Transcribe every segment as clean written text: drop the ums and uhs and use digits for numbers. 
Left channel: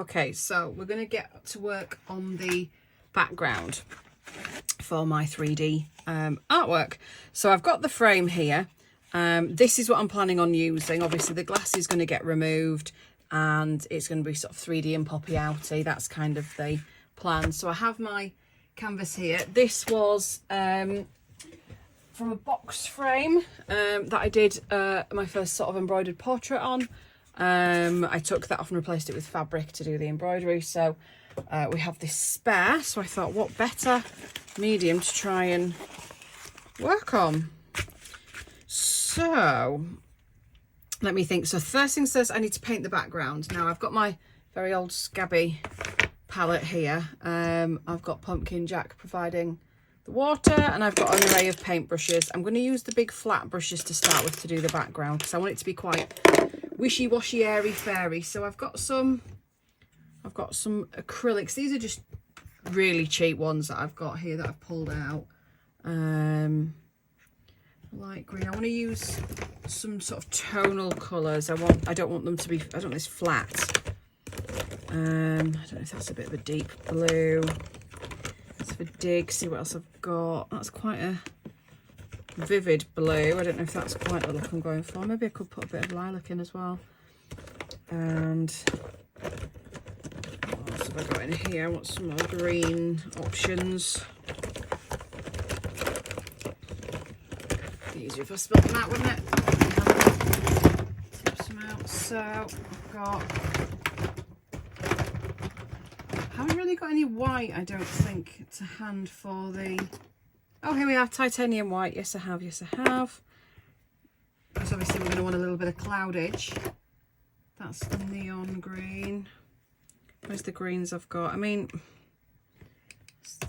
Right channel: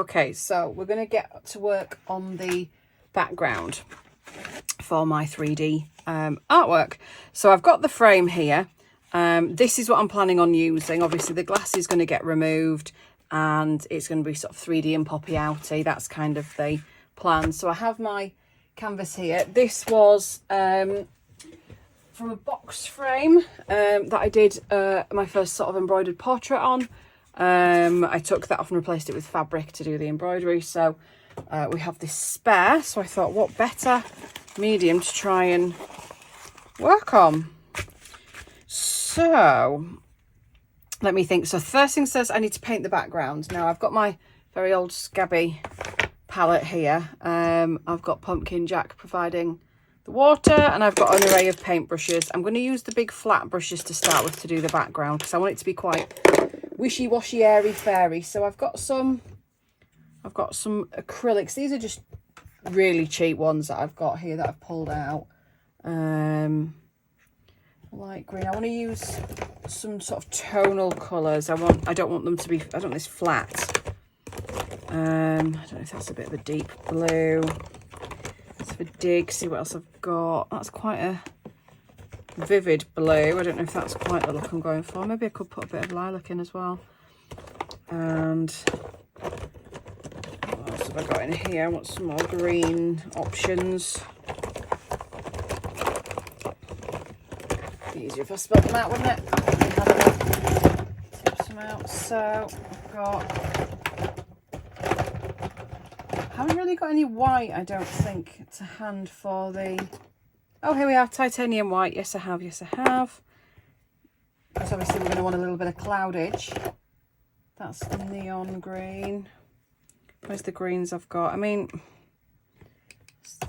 Okay, so we're going to get to work on the background for my 3D artwork. So I've got the frame here. This is what I'm planning on using. Obviously the glass is going to get removed and it's going to be sort of 3D and poppy outy. That's kind of the plan. So I have my canvas here. This was from a box frame that I did my first sort of embroidered portrait on. I took that off and replaced it with fabric to do the embroidery. So we have this spare, so I thought what better medium to try and work on. So let me think. So first thing says I need to paint the background. Now I've got my very old scabby palette here. I've got Pumpkin Jack providing the water, and I've got an array of paintbrushes. I'm going to use the big flat brushes to start with to do the background because I want it to be quite wishy-washy, airy-fairy. So I've got some acrylics. These are just really cheap ones that I've got here that I've pulled out. Light green. I want to use some sort of tonal colours. I don't want them to be, I don't want this flat. I don't know if that's a bit of a deep blue. Let's have a dig, see what else I've got. That's quite a vivid blue. I don't know if that's quite the look I'm going for. Maybe I could put a bit of lilac in as well. And what else have I got in here? I want some more green options. Be easier if I spelled them out, wouldn't it? Tip some out. So I've got, haven't really got any white, I don't think, to hand for the, oh, here we are, titanium white. Yes, I have. Yes, I have. Because obviously we're going to want a little bit of cloudage. That's the neon green. Where's the greens I've got? I mean,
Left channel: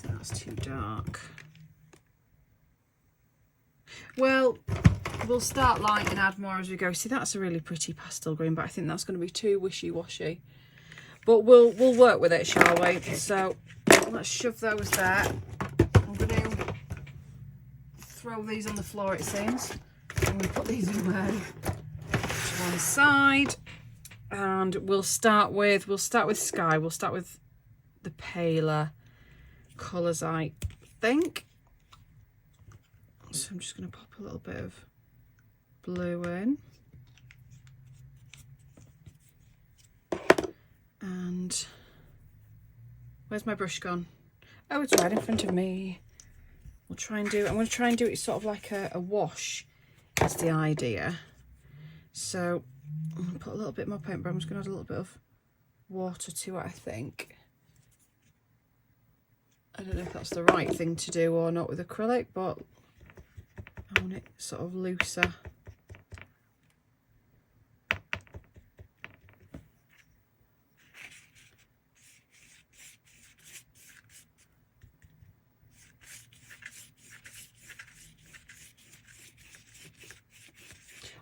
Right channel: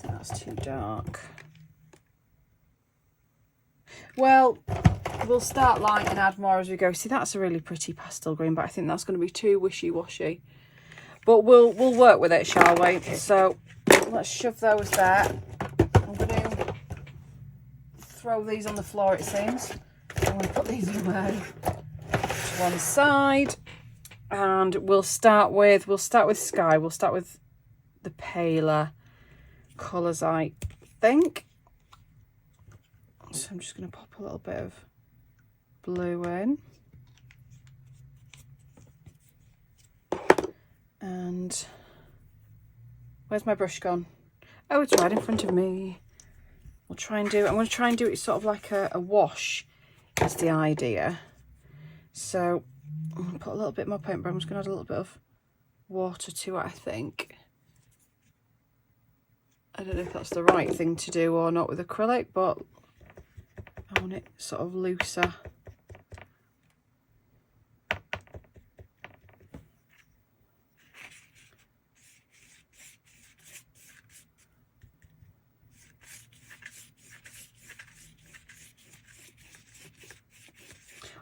that's too dark. Well, we'll start light and add more as we go. See, that's a really pretty pastel green, but I think that's going to be too wishy-washy. But we'll work with it, shall we? So let's shove those there. I'm going to throw these on the floor, it seems. I'm going to put these away to one side, and we'll start with sky. We'll start with the paler colours, I think. So I'm just going to pop a little bit of blue in. And where's my brush gone? Oh, it's right in front of me. We'll try and do, I'm going to try and do it sort of like a wash is the idea. So I'm going to put a little bit more paint, but I'm just going to add a little bit of water to it, I think. I don't know if that's the right thing to do or not with acrylic, but I want it sort of looser.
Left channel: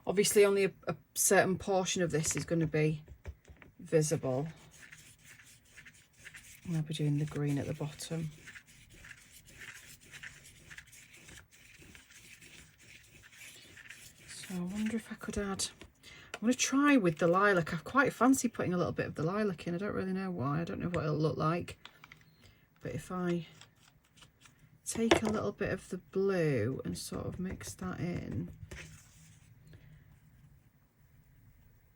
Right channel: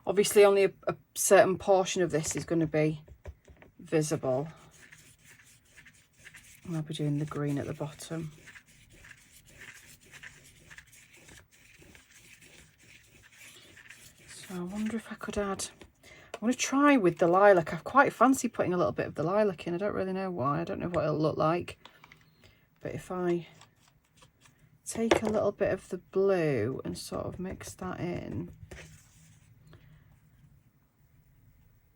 Obviously only a certain portion of this is going to be visible. And I'll be doing the green at the bottom. So I wonder if I could add, I want to try with the lilac. I quite fancy putting a little bit of the lilac in. I don't really know why. I don't know what it'll look like. But if I take a little bit of the blue and sort of mix that in.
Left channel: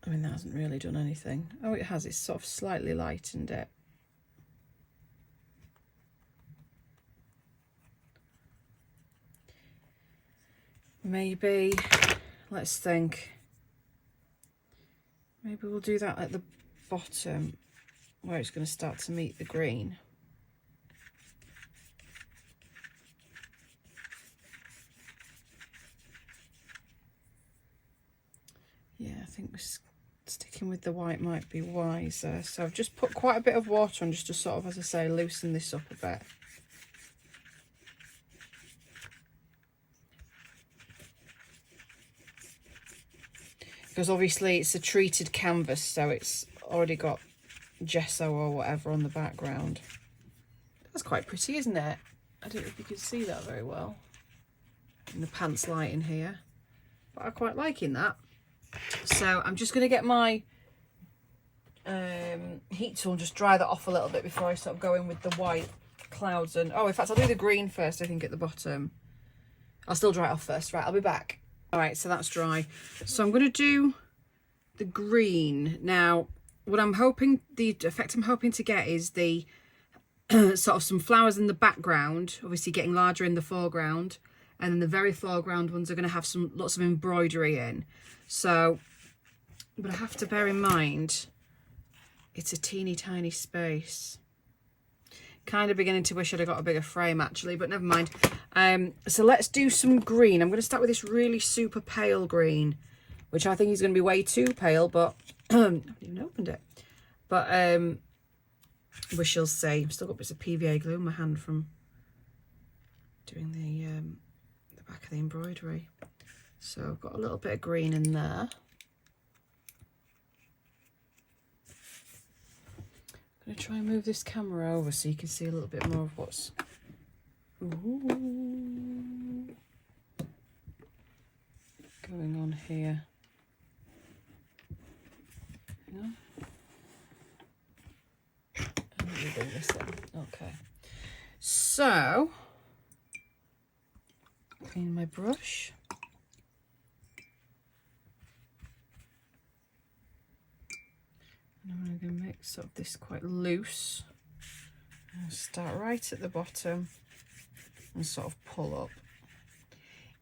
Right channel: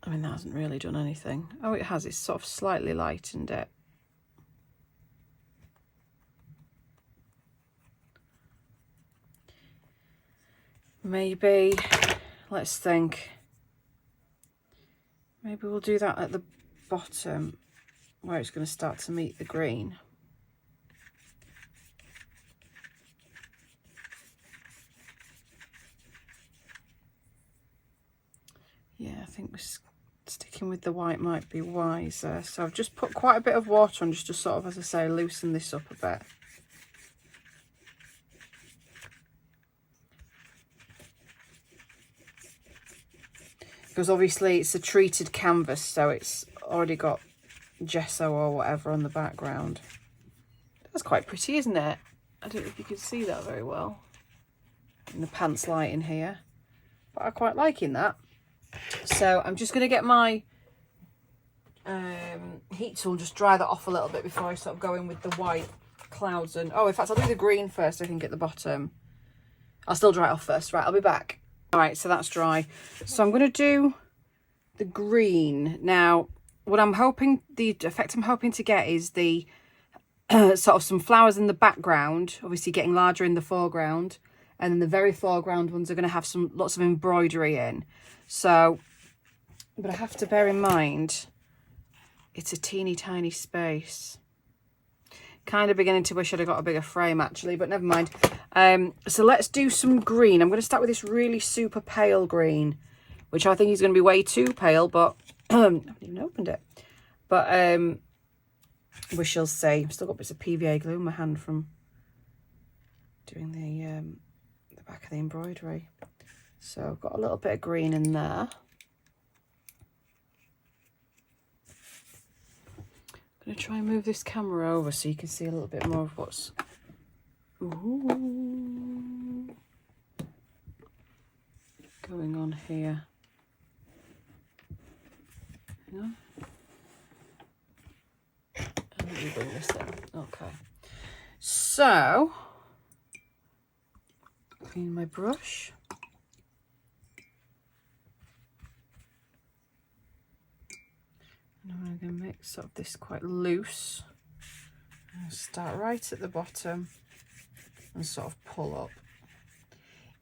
I mean, that hasn't really done anything. Oh, it has. It's sort of slightly lightened it. Maybe, let's think. Maybe we'll do that at the bottom where it's going to start to meet the green. Yeah, I think sticking with the white might be wiser. So I've just put quite a bit of water on just to sort of, as I say, loosen this up a bit. Because obviously it's a treated canvas, so it's already got gesso or whatever on the background. That's quite pretty, isn't it? I don't know if you can see that very well in the pants light in here, but I quite liking that. So I'm just going to get my heat tool and just dry that off a little bit before I sort of go in with the white clouds. And oh, in fact, I'll do the green first, I think, at the bottom. I'll still dry it off first. Right, I'll be back. All right, so that's dry. So I'm going to do the green. Now, what I'm hoping, the effect I'm hoping to get is the sort of some flowers in the background, obviously getting larger in the foreground. And then the very foreground ones are going to have lots of embroidery in. So, but I have to bear in mind, it's a teeny tiny space. Kind of beginning to wish I'd have got a bigger frame actually, but never mind. So let's do some green. I'm going to start with this really super pale green, which I think is going to be way too pale, but I haven't even opened it. But we shall see. I've still got bits of PVA glue in my hand from doing the back of the embroidery. So I've got a little bit of green in there. I'm going to try and move this camera over so you can see a little bit more of what's going on here. Hang on. And let me bring this in. Okay. So, clean my brush. And I'm going to make sort of this quite loose. I'll start right at the bottom and sort of pull up,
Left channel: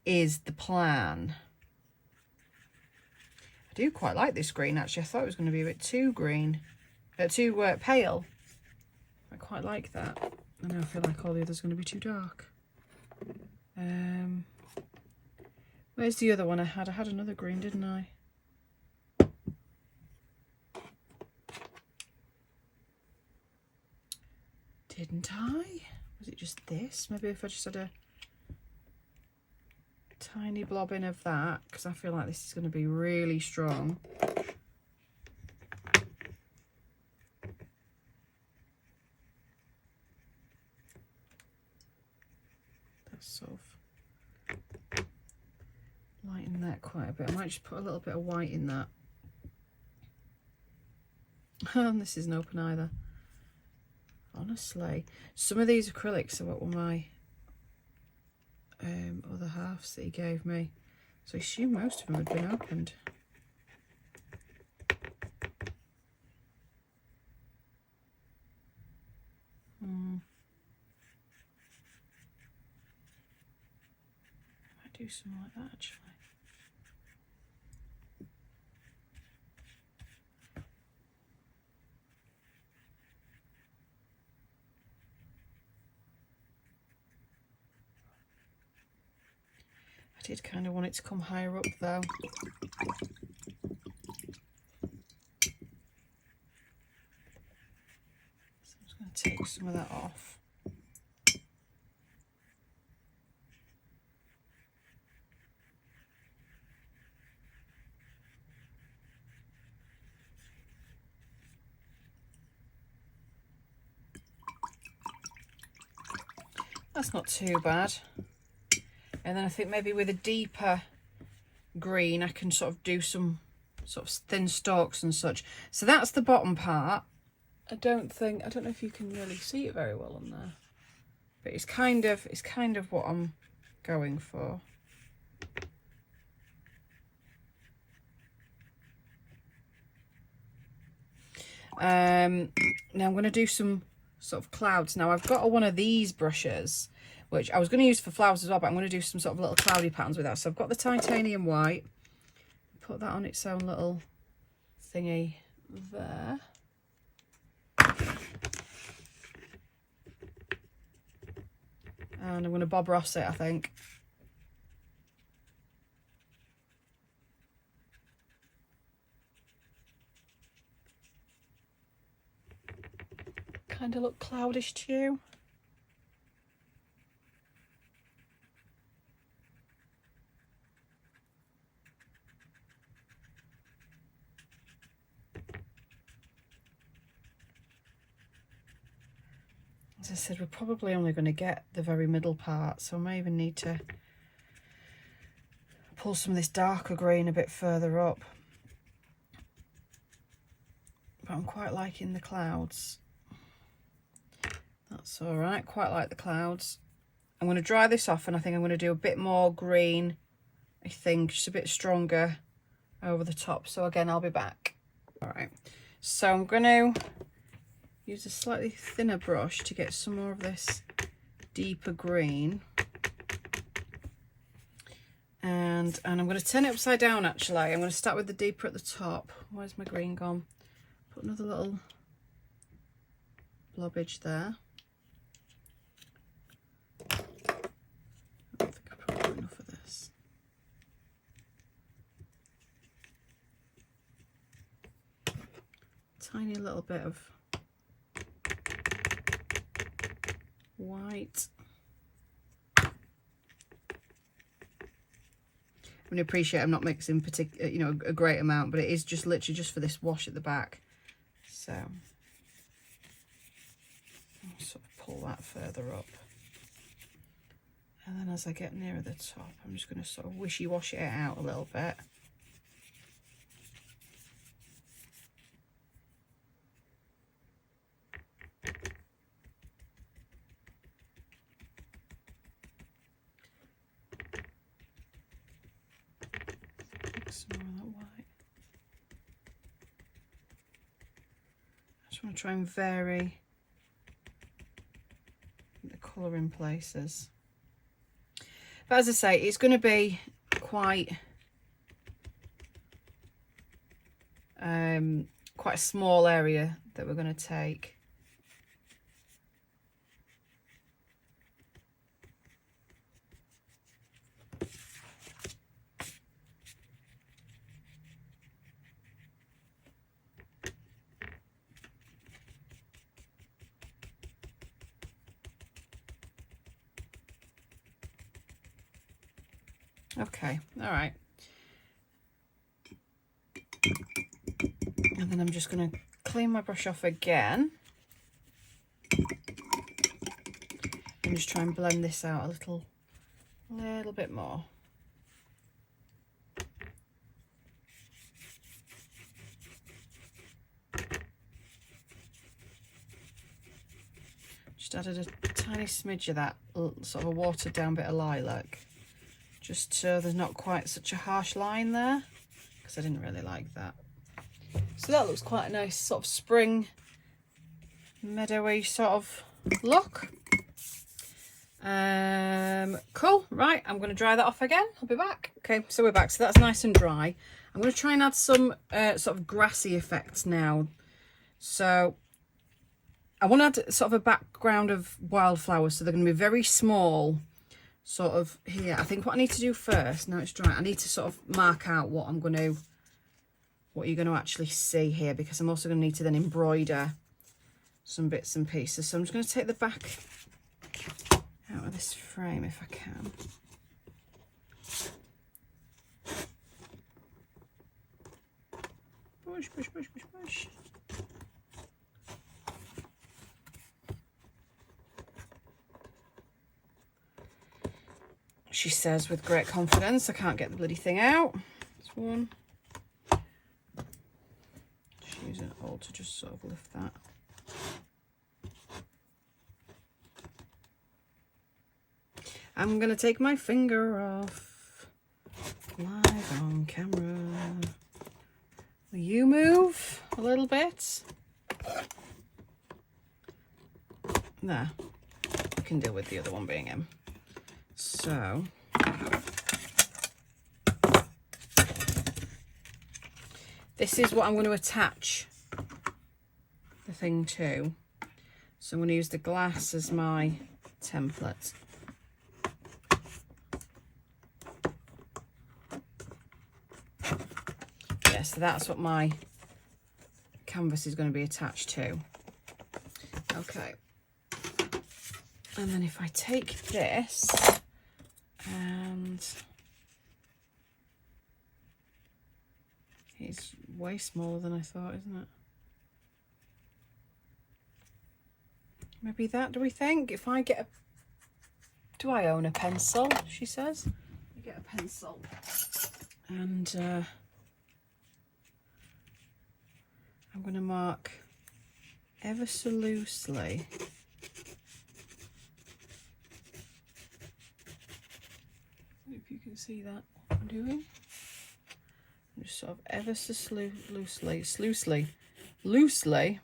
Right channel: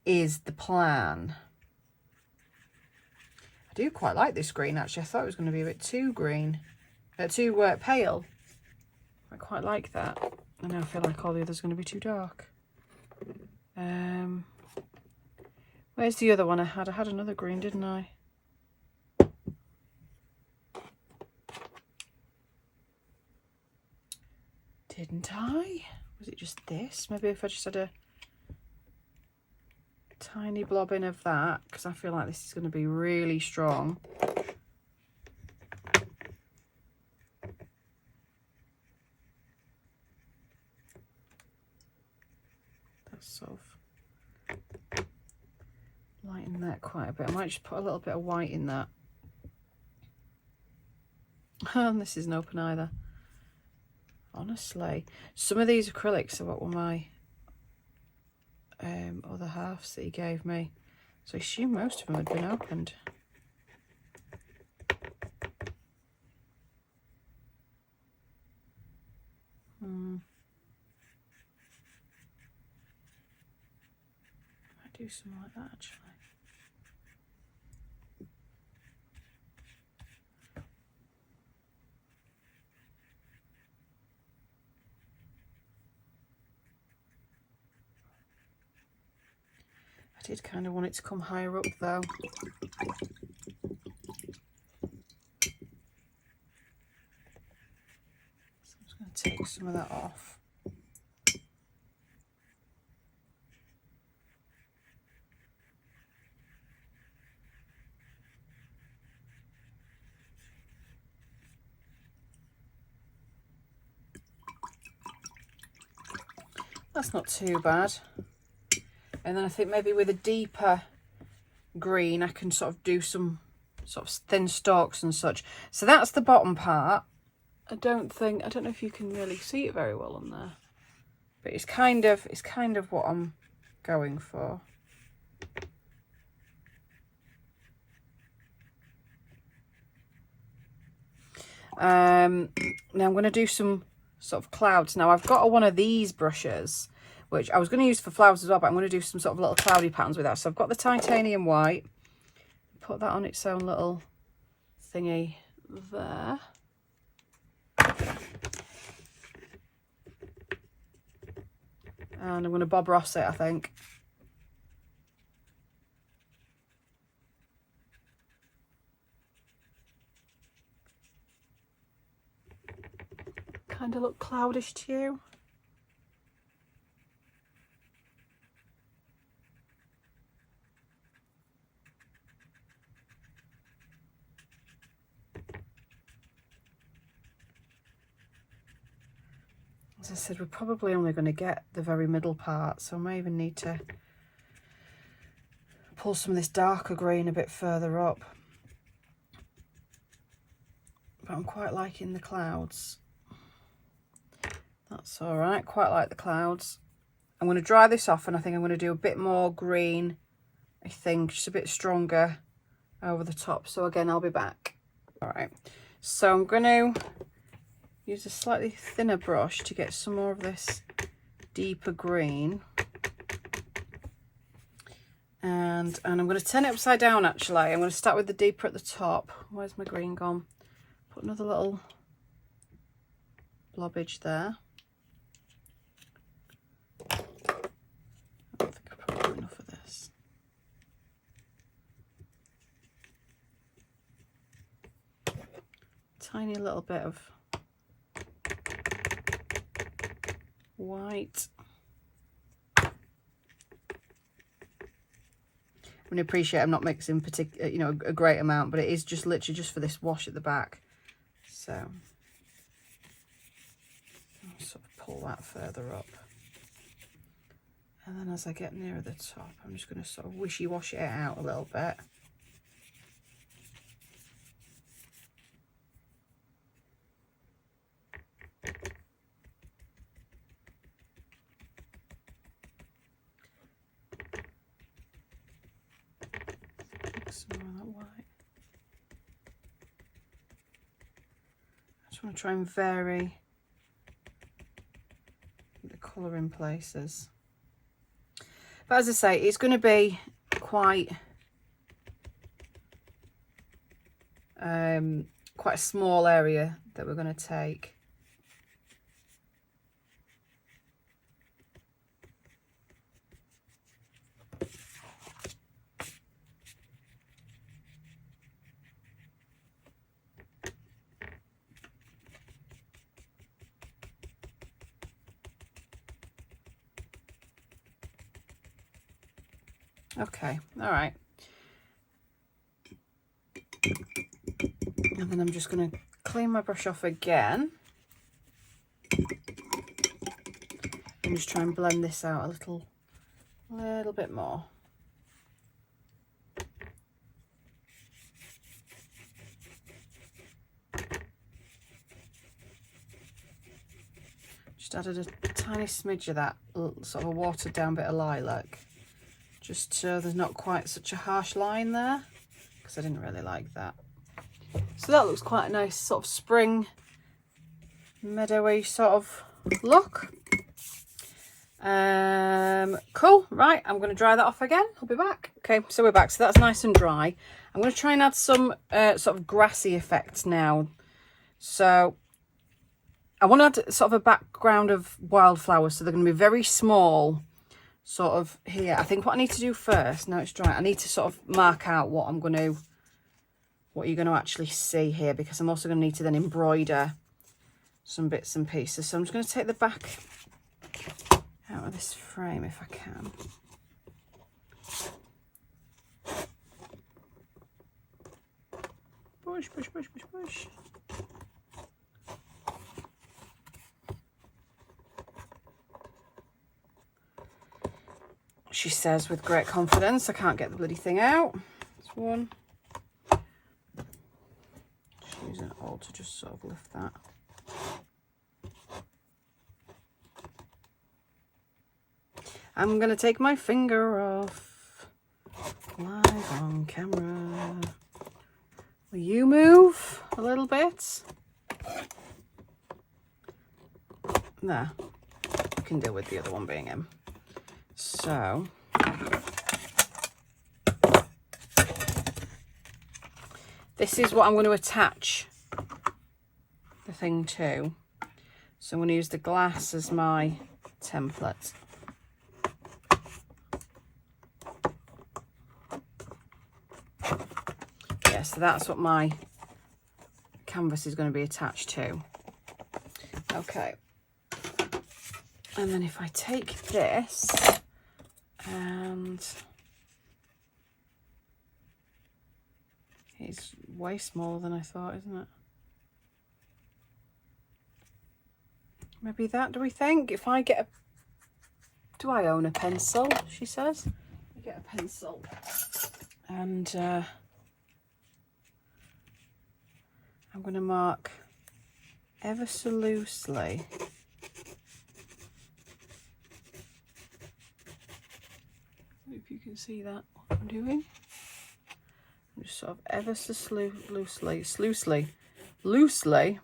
is the plan. I do quite like this green actually. I thought it was going to be a bit too green, too pale. I quite like that. I now feel like all the others are going to be too dark. Where's the other one I had? I had another green, didn't I? Didn't I? Was it just this? Maybe if I just had a tiny blob in of that, because I feel like this is going to be really strong. That's sort of lighten that quite a bit. I might just put a little bit of white in that. And this isn't open either. Honestly, some of these acrylics are what were my other halves that he gave me. So I assume most of them had been opened. I might do something like that actually. I did kind of want it to come higher up though. So I'm just going to take some of that off. That's not too bad. And then I think maybe with a deeper green I can sort of do some sort of thin stalks and such. So that's the bottom part. I don't know if you can really see it very well on there, but it's kind of what I'm going for. Now I'm going to do some sort of clouds. Now I've got one of these brushes which I was going to use for flowers as well, but I'm going to do some sort of little cloudy patterns with that. So I've got the titanium white, put that on its own little thingy there. And I'm going to Bob Ross it, I think. Kind of look cloudish to you. As I said, we're probably only going to get the very middle part, so I may even need to pull some of this darker green a bit further up. but I'm quite liking the clouds. That's all right, quite like the clouds. I'm going to dry this off, and I think I'm going to do a bit more green, I think, just a bit stronger over the top. So again, I'll be back. All right, so I'm going to use a slightly thinner brush to get some more of this deeper green. And I'm going to turn it upside down, actually. I'm going to start with the deeper at the top. Where's my green gone? Put another little blobbage there. I don't think I've probably got enough of this. Tiny little bit of white. I mean, appreciate I'm not mixing you know, a great amount, but it is just literally just for this wash at the back. So I'll sort of pull that further up. And then as I get nearer the top, I'm just going to sort of wishy-wash it out a little bit. Some more of that white. I just want to try and vary the colour in places. But as I say, it's going to be quite a small area that we're going to take. Okay, all right. And then I'm just going to clean my brush off again. And just try and blend this out a little bit more. Just added a tiny smidge of that sort of a watered down bit of lilac. Just so there's not quite such a harsh line there, because I didn't really like that. So that looks quite a nice sort of spring meadowy sort of look. Cool, right, I'm going to dry that off again. I'll be back. Okay, so we're back. So that's nice and dry. I'm going to try and add some sort of grassy effects now. So I want to add sort of a background of wildflowers, so they're going to be very small. Sort of here. I think what I need to do first, now it's dry, I need to sort of mark out what you're going to actually see here, because I'm also going to need to then embroider some bits and pieces. So I'm just going to take the back out of this frame if I can. Push, push, push, push, push. She says with great confidence. I can't get the bloody thing out. This one. Just using it all to just sort of lift that. I'm going to take my finger off. Live on camera. Will you move a little bit? There. I can deal with the other one being in. So this is what I'm going to attach the thing to. So I'm going to use the glass as my template. Yeah, so that's what my canvas is going to be attached to. Okay. And then if I take this, and it's way smaller than I thought, isn't it? Maybe that, do we think? If I get a... Do I own a pencil, she says? I get a pencil. And I'm going to mark ever so loosely. If you can see that, what I'm doing. I'm just sort of ever so loosely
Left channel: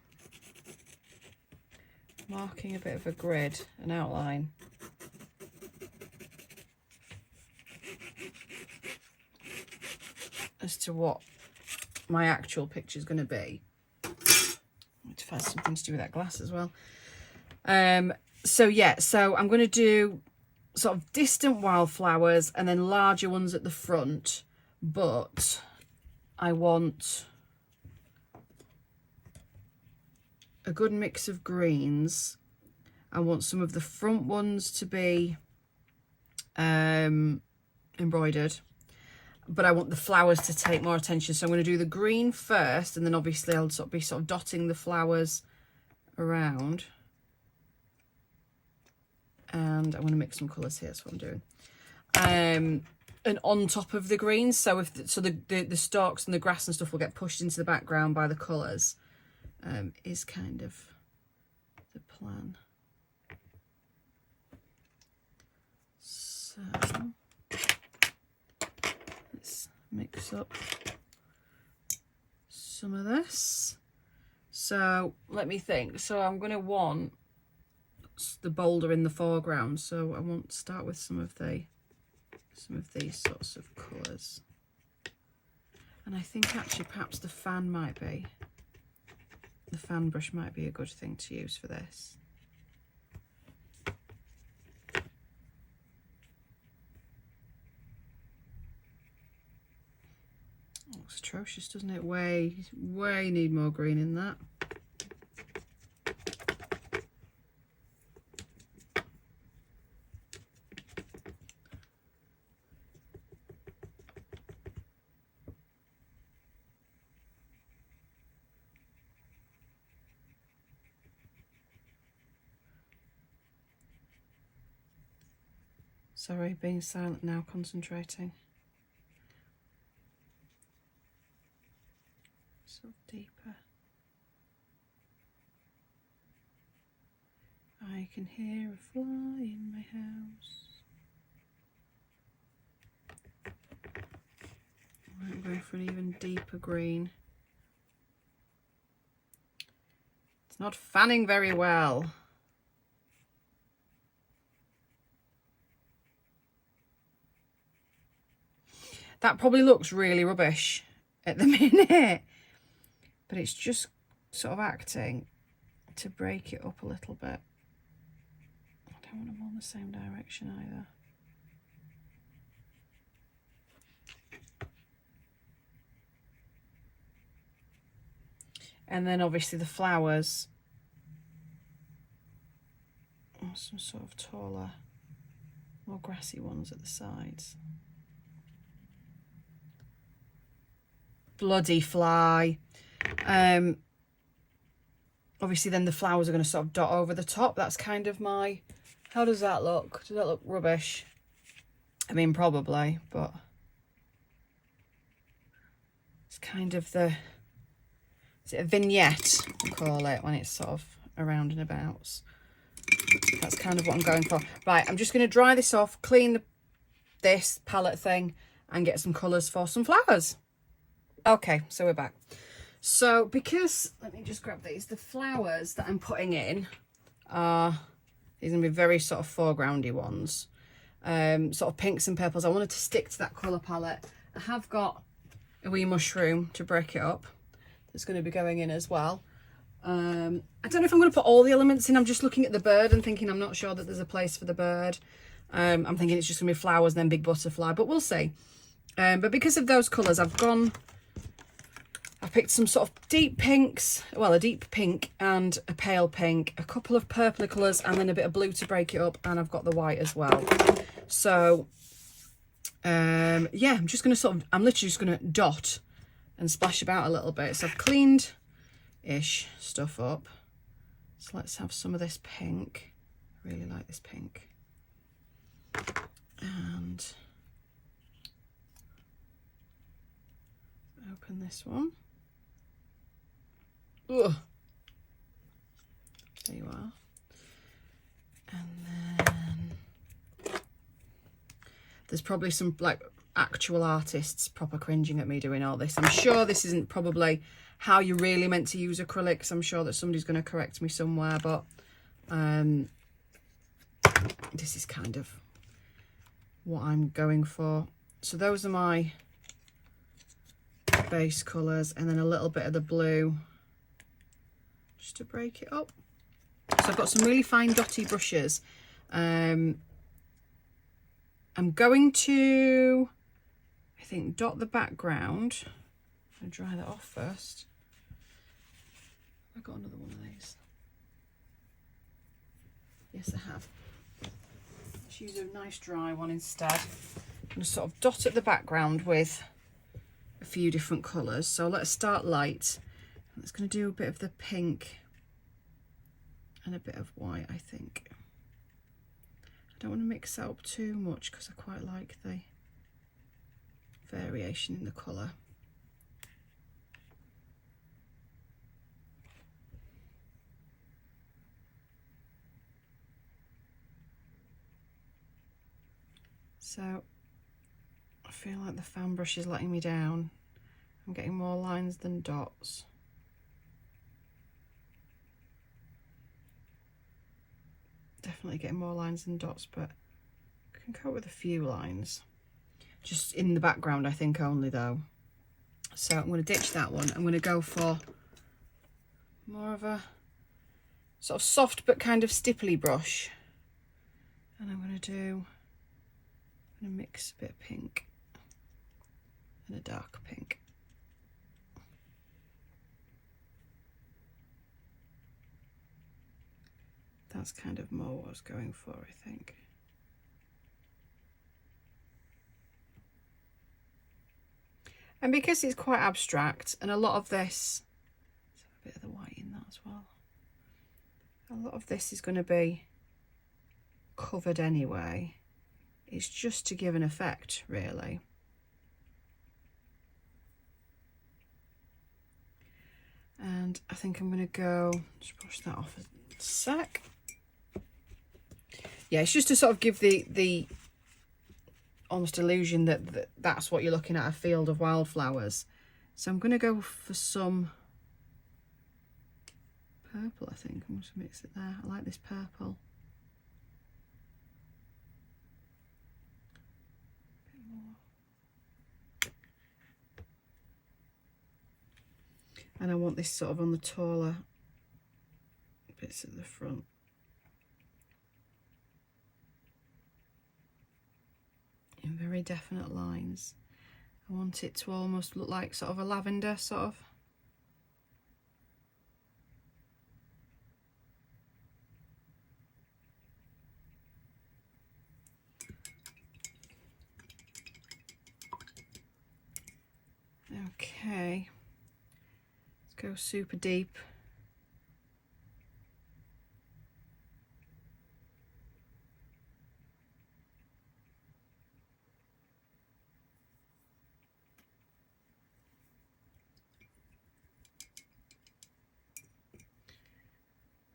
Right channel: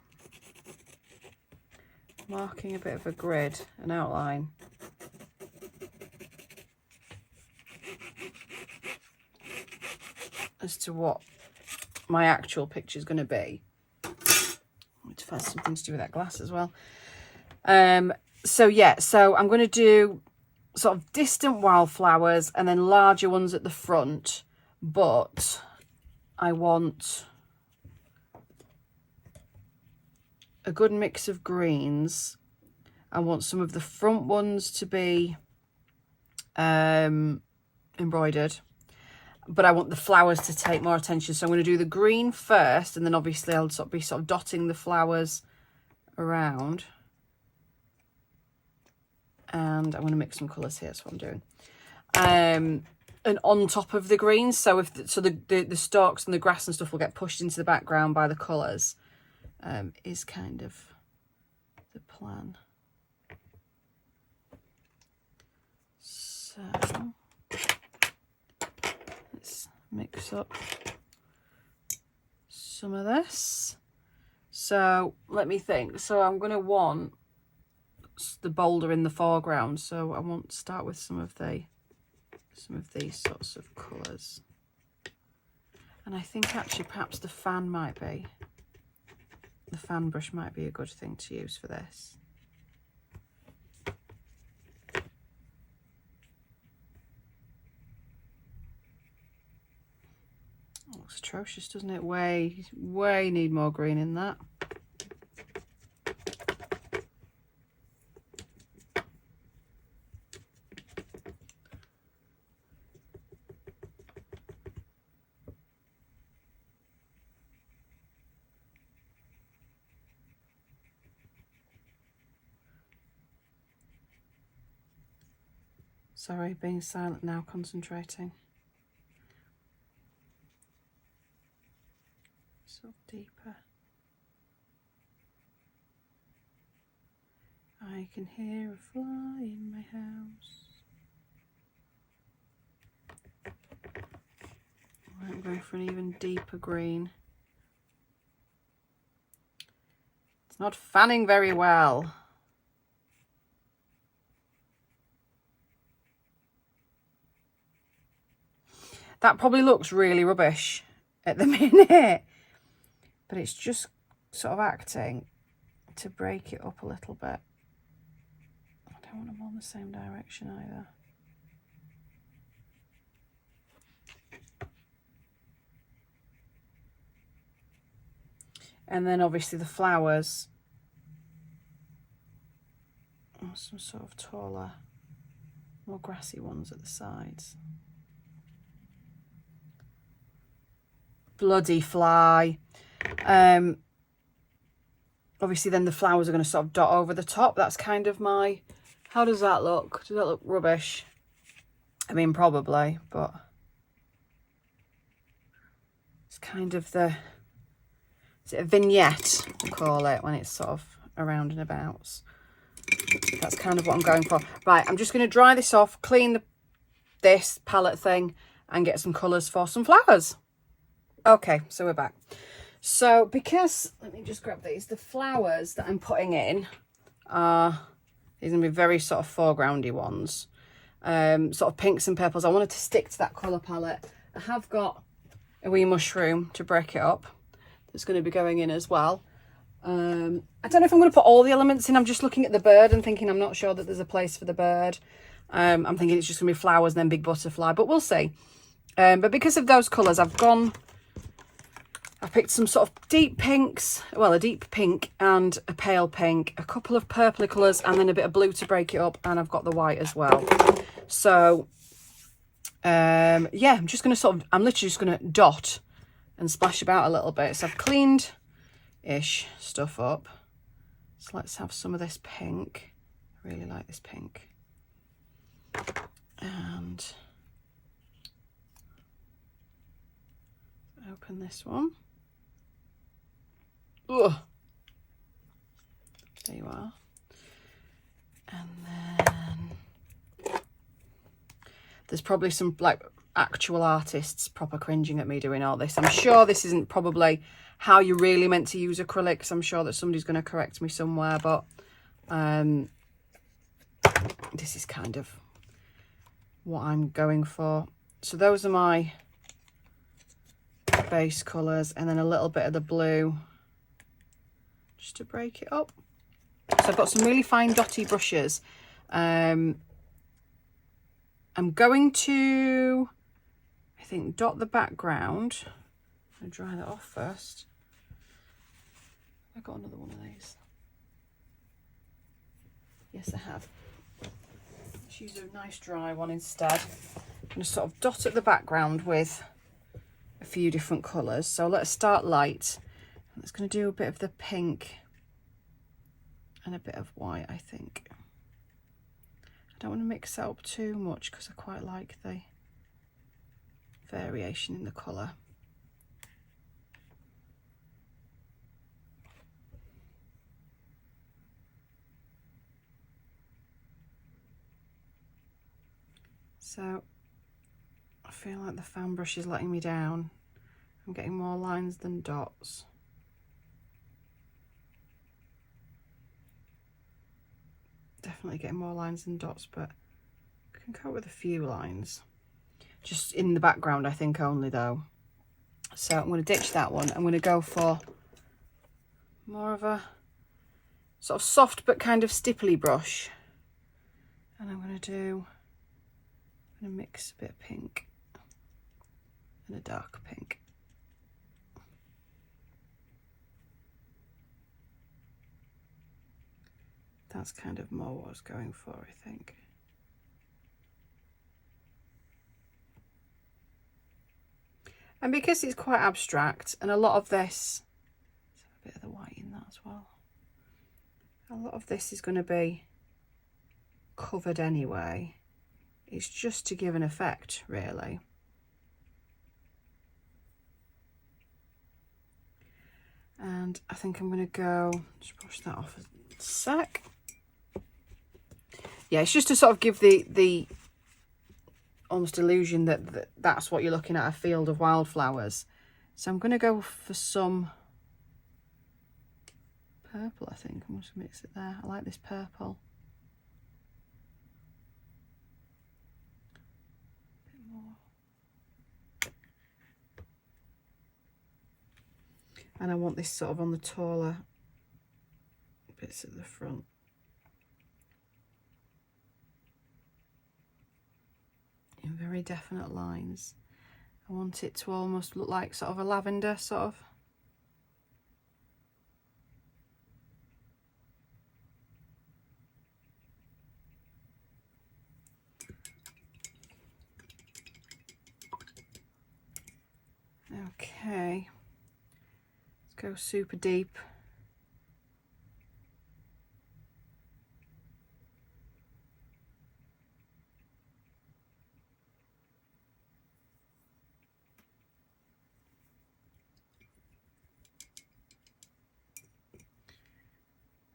marking a bit of a grid, an outline. As to what my actual picture is going to be. Which has something to do with that glass as well. So yeah, so I'm going to do sort of distant wildflowers and then larger ones at the front, but I want a good mix of greens. I want some of the front ones to be embroidered, but I want the flowers to take more attention. So I'm going to do the green first, and then obviously I'll be dotting the flowers around. And I'm going to mix some colours here. That's what I'm doing. And on top of the greens, so the stalks and the grass and stuff will get pushed into the background by the colours, is kind of the plan. So let's mix up some of this. So let me think. So I'm going to want the boulder in the foreground, so I want to start with some of these sorts of colours, and I think actually perhaps the fan brush might be a good thing to use for this. It looks atrocious, doesn't it? Way need more green in that. Sorry, being silent now, concentrating. Sort of deeper. I can hear a fly in my house. Right, I'm going for an even deeper green. It's not fanning very well. That probably looks really rubbish at the minute, but it's just sort of acting to break it up a little bit. I don't want them all in the same direction either. And then obviously the flowers, some sort of taller, more grassy ones at the sides. Bloody fly. Obviously then the flowers are going to sort of dot over the top. That's kind of my, how does that look? Does that look rubbish? I mean, probably, but it's kind of the, is it a vignette, I call it, when it's sort of around and about. That's kind of what I'm going for. Right, I'm just going to dry this off, clean this palette thing, and get some colours for some flowers. Okay, so we're back. So because, let me just grab these, the flowers that I'm putting in are, these are going to be very sort of foregroundy ones, sort of pinks and purples. I wanted to stick to that colour palette. I have got a wee mushroom to break it up that's going to be going in as well. I don't know if I'm going to put all the elements in. I'm just looking at the bird and thinking I'm not sure that there's a place for the bird. I'm thinking it's just going to be flowers and then big butterfly, but we'll see. But because of those colours, I picked some sort of deep pinks, well, a deep pink and a pale pink, a couple of purpley colours, and then a bit of blue to break it up, and I've got the white as well. So, yeah, I'm literally just going to dot and splash about a little bit. So I've cleaned-ish stuff up. So let's have some of this pink. I really like this pink. And open this one. Ugh. There you are. And then there's probably some like actual artists proper cringing at me doing all this. I'm sure this isn't probably how you're really meant to use acrylics. I'm sure that somebody's going to correct me somewhere, but this is kind of what I'm going for. So those are my base colours, and then a little bit of the blue just to break it up. So I've got some really fine dotty brushes. I'm going to, I think, dot the background. I'm going to dry that off first. Have I got another one of these? Yes, I have. Let's use a nice dry one instead. I'm going to sort of dot at the background with a few different colours. So let's start light. It's going to do a bit of the pink and a bit of white, I think. I don't want to mix that up too much because I quite like the variation in the colour. So I feel like the fan brush is letting me down. I'm getting more lines than dots. Definitely getting more lines than dots, but I can cope with a few lines. Just in the background, I think, only though. So I'm going to ditch that one. I'm going to go for more of a sort of soft but kind of stipply brush. And I'm going to mix a bit of pink and a dark pink. That's kind of more what I was going for, I think. And because it's quite abstract, and a lot of this, let's have a bit of the white in that as well. A lot of this is going to be covered anyway. It's just to give an effect, really. And I think I'm going to go, just brush that off a sec. Yeah, it's just to sort of give the almost illusion that that's what you're looking at, a field of wildflowers. So I'm going to go for some purple, I think. I'm just going to mix it there. I like this purple. A bit more. And I want this sort of on the taller bits at the front. In very definite lines. I want it to almost look like sort of a lavender sort of. Okay, let's go super deep.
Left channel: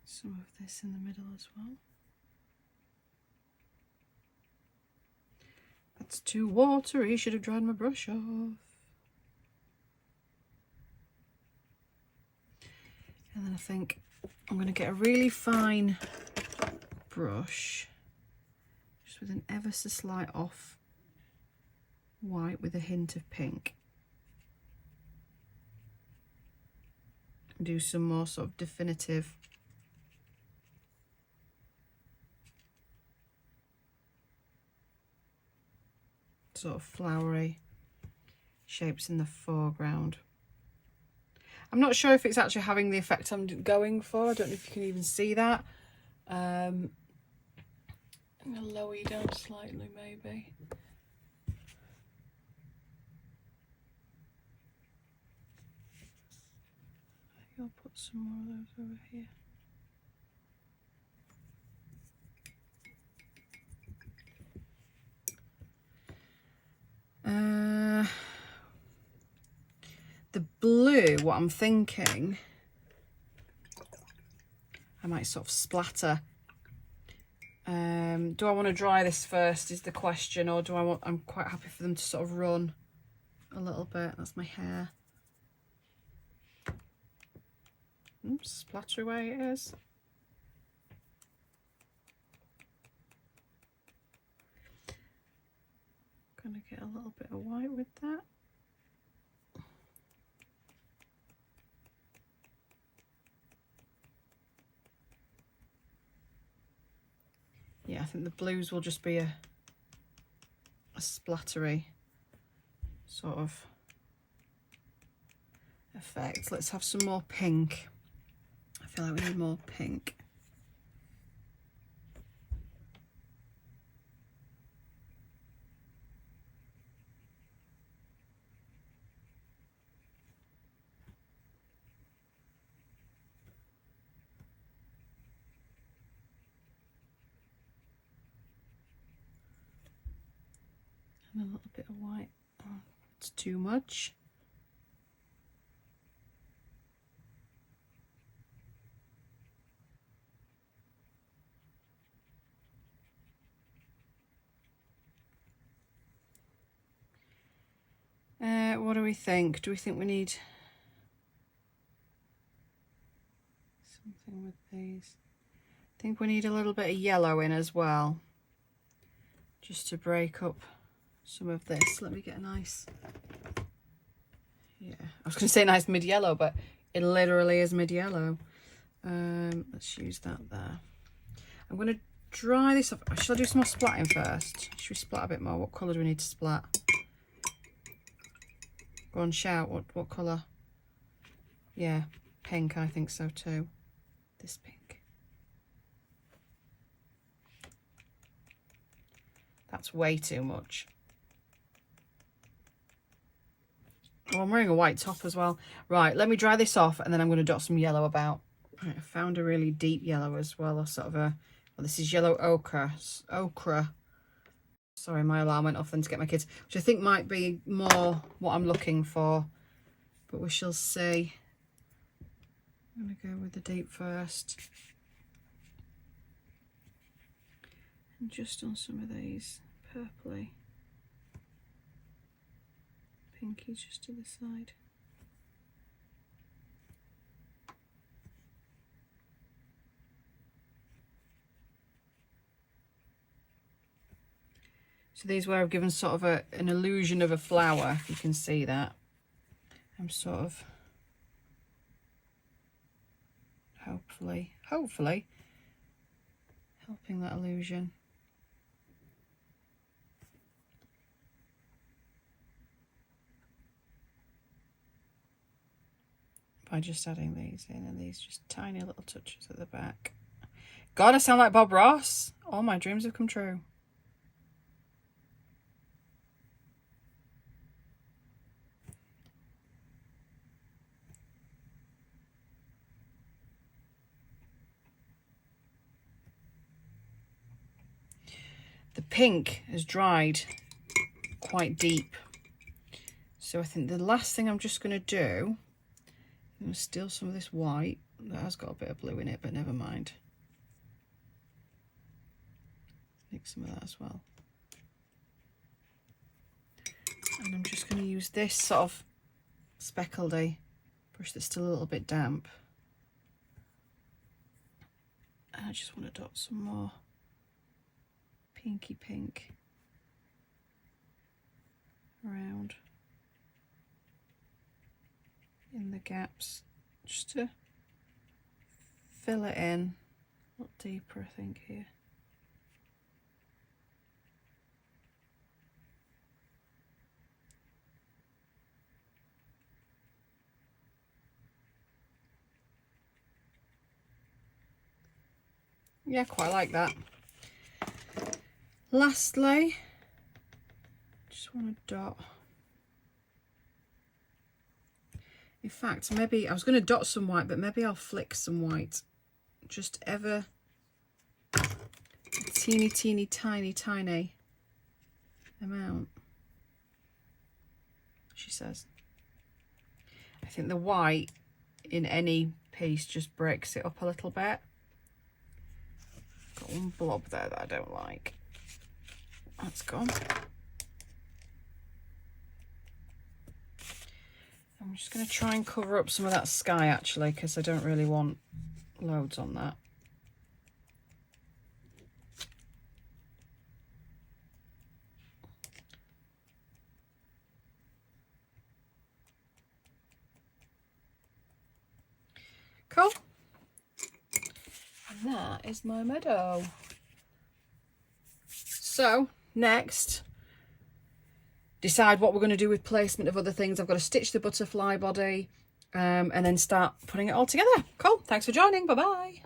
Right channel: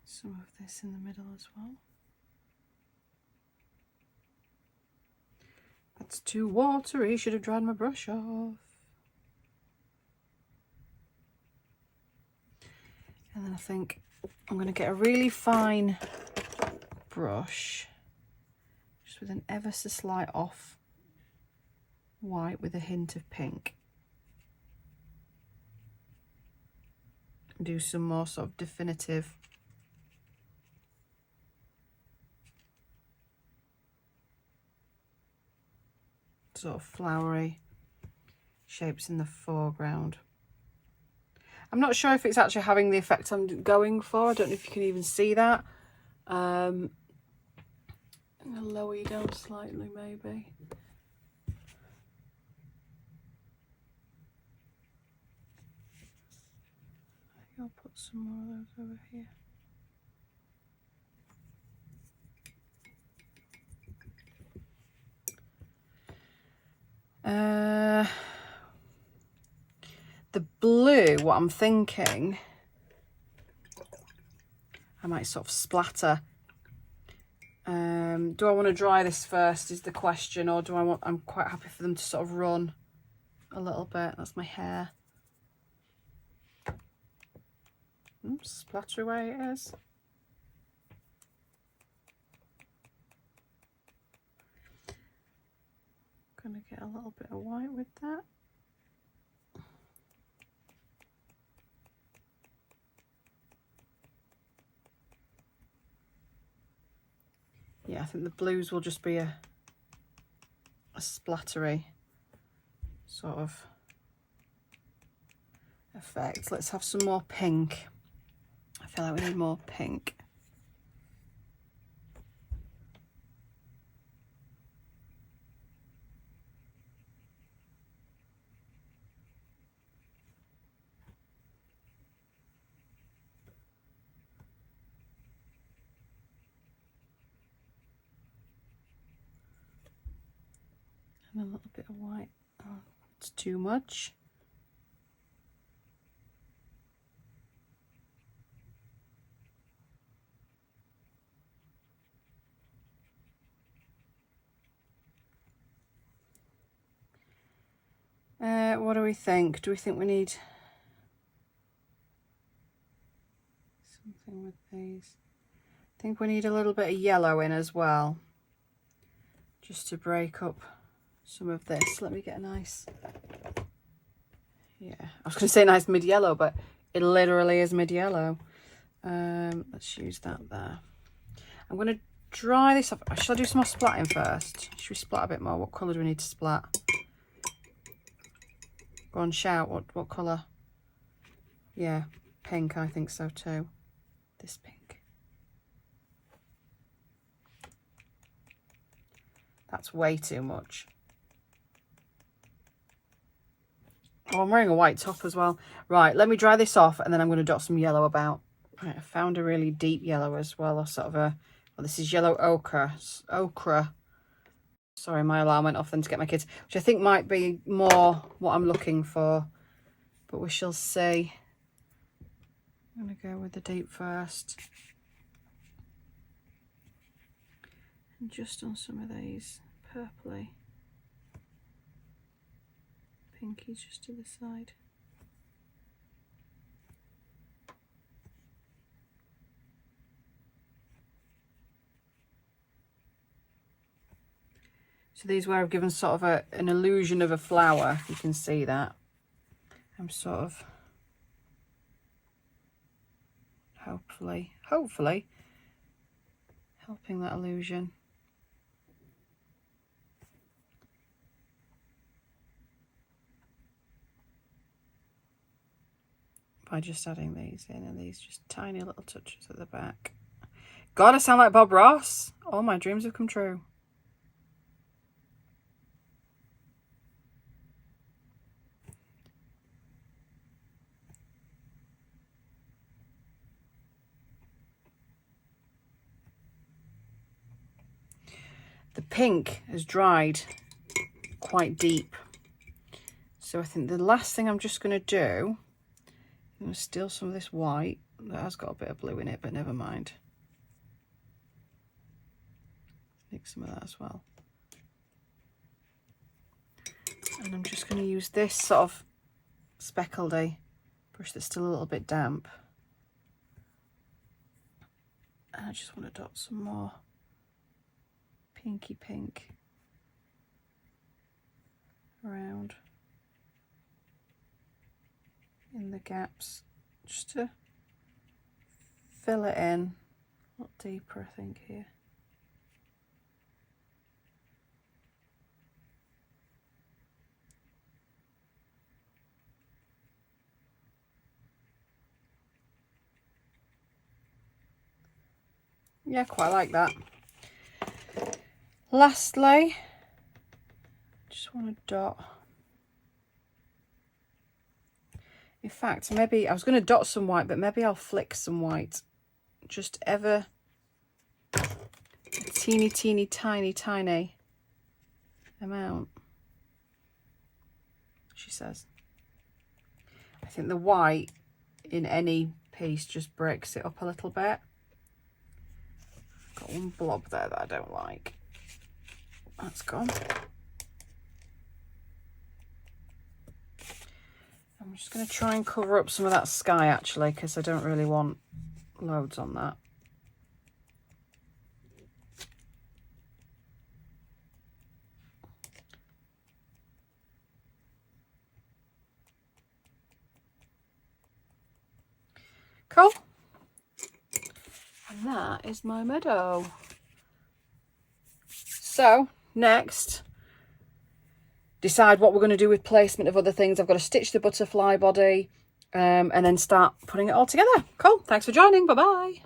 Some of this in the middle as well. That's too watery, should have dried my brush off. And then I think I'm going to get a really fine brush, just with an ever so slight off white with a hint of pink. Do some more sort of definitive sort of flowery shapes in the foreground. I'm not sure if it's actually having the effect I'm going for. I don't know if you can even see that. I'm going to lower you down slightly, maybe. I think I'll put some more of those over here. The blue, what I'm thinking might sort of splatter. Do I want to dry this first is the question, or do I want, I'm quite happy for them to sort of run a little bit. That's my hair. Splatter away it is. Gonna get a little bit of white with that. Yeah, I think the blues will just be a splattery sort of effect. Let's have some more pink. I feel like we need more pink. And a little bit of white. Oh, it's too much. What do we think? Do we think we need something with these? I think we need a little bit of yellow in as well, just to break up some of this. Let me get a nice, yeah, I was going to say nice mid-yellow, but it literally is mid-yellow. Let's use that there. I'm going to dry this off. Shall I do some more splatting first? Should we splat a bit more? What colour do we need to splat? Go on, shout. What colour? Yeah, pink, I think so too. This pink. That's way too much. Oh, I'm wearing a white top as well. Right, let me dry this off and then I'm going to dot some yellow about. Right, I found a really deep yellow as well, or sort of a, well, this is yellow ochre. Sorry, my alarm went off then to get my kids, which I think might be more what I'm looking for, but we shall see. I'm going to go with the deep first. And just on some of these purpley, pinky just to the side. So these where I've given sort of an illusion of a flower, if you can see that. I'm sort of hopefully helping that illusion. By just adding these in, and these just tiny little touches at the back. God, I sound like Bob Ross. All my dreams have come true. The pink has dried quite deep. So I think the last thing I'm just going to do, I'm going to steal some of this white. That has got a bit of blue in it, but never mind. Mix some of that as well. And I'm just going to use this sort of speckledy brush that's still a little bit damp. And I just want to dot some more pinky pink around in the gaps, just to fill it in a lot deeper, I think, here. Yeah, quite like that. Lastly, just want to dot. In fact, maybe I was going to dot some white, but maybe I'll flick some white. Just ever a teeny, teeny, tiny, tiny amount, she says. I think the white in any piece just breaks it up a little bit. one blob there that I don't like. That's gone. I'm just going to try and cover up some of that sky actually, because I don't really want loads on that. Cool. And that is my meadow. So next, decide what we're going to do with placement of other things. I've got to stitch the butterfly body and then start putting it all together. Cool. Thanks for joining. Bye bye.